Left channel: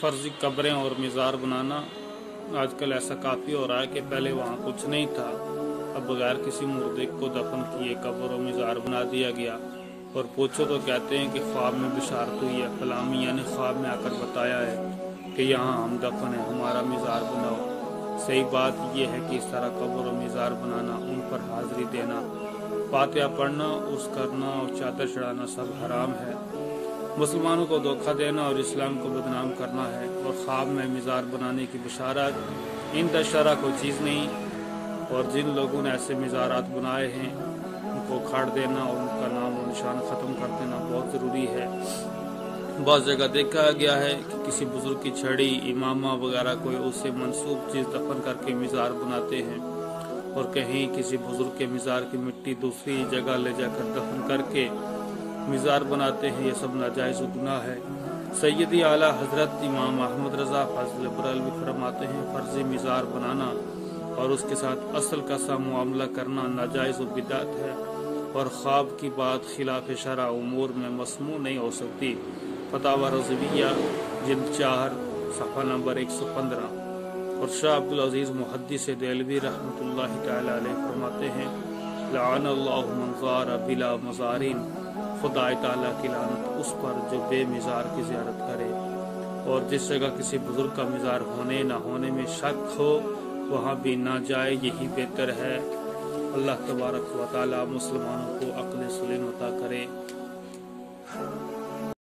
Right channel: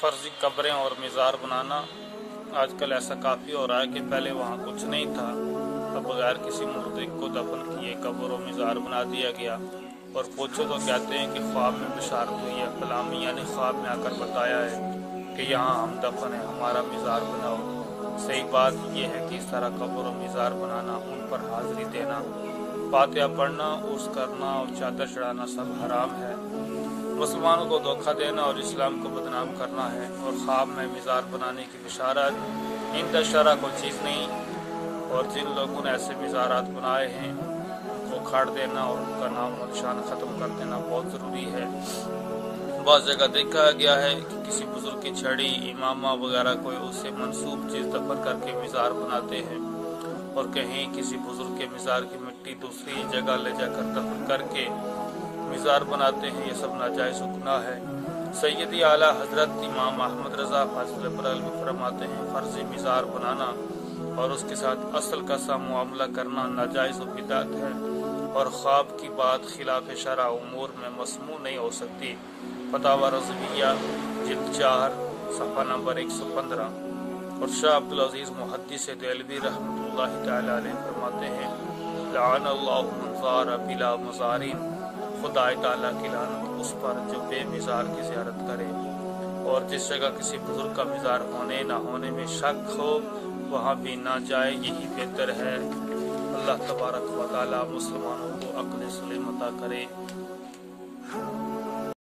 فرضی قبریں اور مزار بنانا آج کل ایسا کافی ہو رہا ہے کہ پہلے وہاں کچھ نہیں تھا، اب بغیر کسی مردے کو دفن کیے قبر و مزار بنا دیا گیا، اور پوچھو تو کہتے ہیں کہ خواب میں بشارت ہوئی ہے، فلامی یعنی خواب میں آ کر بتایا ہے کہ یہاں ہم دفن ہیں، ہمارا مزار بناؤ۔ صحیح بات یہ ہے کہ اس طرح قبر و مزار بنانا، ان پر حاضری دینا، فاتحہ پڑھنا، عرس کرنا اور چادر چڑھانا سب حرام ہے، مسلمانوں کو دھوکہ دینا اور اسلام کو بدنام کرنا ہے، اور خواب میں مزار بنانے کی بشارت عند الشرع کوئی چیز نہیں، اور جن لوگوں نے ایسے مزارات بنائے ہیں ان کو کھاڑ دینا اور ان کا نام و نشان ختم کر دینا بہت ضروری ہے۔ بعض جگہ دیکھا گیا ہے کہ کسی بزرگ کی چھڑی، امامہ وغیرہ کوئی اس سے منسوب چیز دفن کر کے مزار بناتے ہیں، اور کہیں کسی بزرگ کے مزار کی مٹی دوسری جگہ لے جا کر دفن کر کے مزار بناتے ہیں، یہ سب ناجائز و گناہ ہے۔ سیدی اعلیٰ حضرت امام احمد رضا فاضل بریلوی فرماتے ہیں، فرضی مزار بنانا اور اس کے ساتھ اصل کا سا معاملہ کرنا ناجائز و بدعت ہے، اور خواب کی بات خلاف شرع امور میں مسموع نہیں ہو سکتی۔ فتاوی رضویہ جلد 4 صفحہ نمبر 115۔ اور شاہ عبدالعزیز محدث دہلوی رحمۃ اللہ تعالی علیہ فرماتے ہیں، لعن اللہ من زار بلا مزارین، خدا تعالیٰ کی لعنت اس پر جو بے مزار کی زیارت کرے، اور جس جگہ کسی بزرگ کا مزار ہونے نہ ہونے میں شک ہو وہاں بھی نہ جائے، یہی بہتر ہے۔ اللہ تبارک و تعالیٰ مسلمانوں کو عقل سلیم عطا کرے۔